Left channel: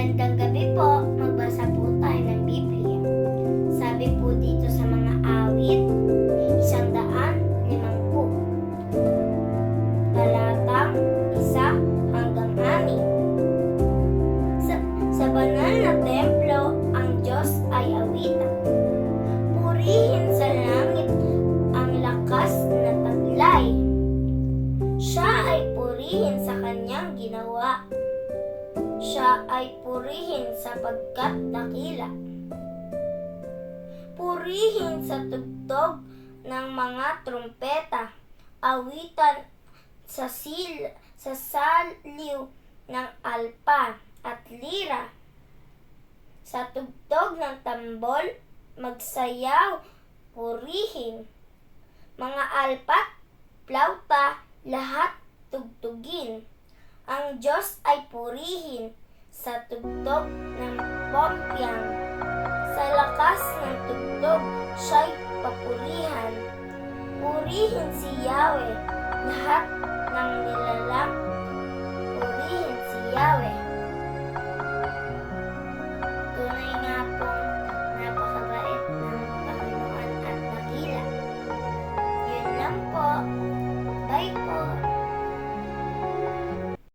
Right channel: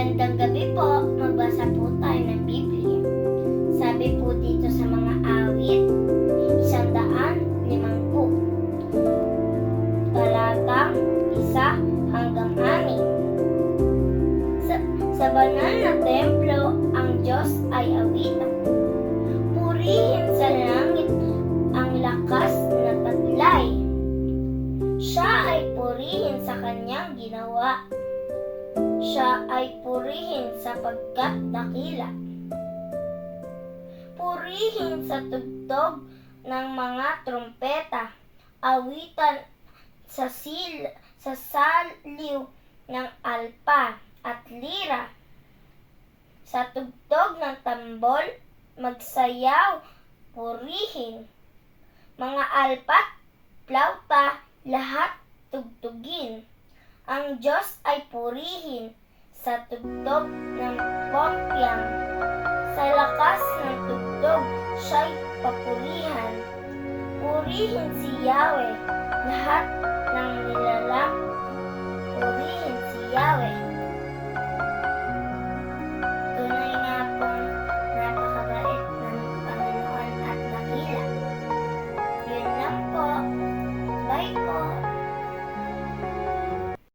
Magandang gabi po. Magbasa po tayo ng Biblia. Sabi po dito sa mga awit, 150. Talatang 1 hanggang 6. Sa banal na templo, ang Diyos ay awitan. Purihin sa langit ang lakas na taglay. Siya ay purihin sa kanyang ginawa. Siya ay purihin sapagkat dakila. Purihin sa tugtog ng mga trumpeta, awitan sa saliw ng alpa at lira. Sa tugtog ng tambol, magsayaw, purihin. Mga alpa, plauta, lahat tugtugin. Ang Diyos ay purihin sa tugtog ng pompyang. Sa lakas ng tugtog, siya'y papurihan. Purihin si Yahweh, lahat ng nilalang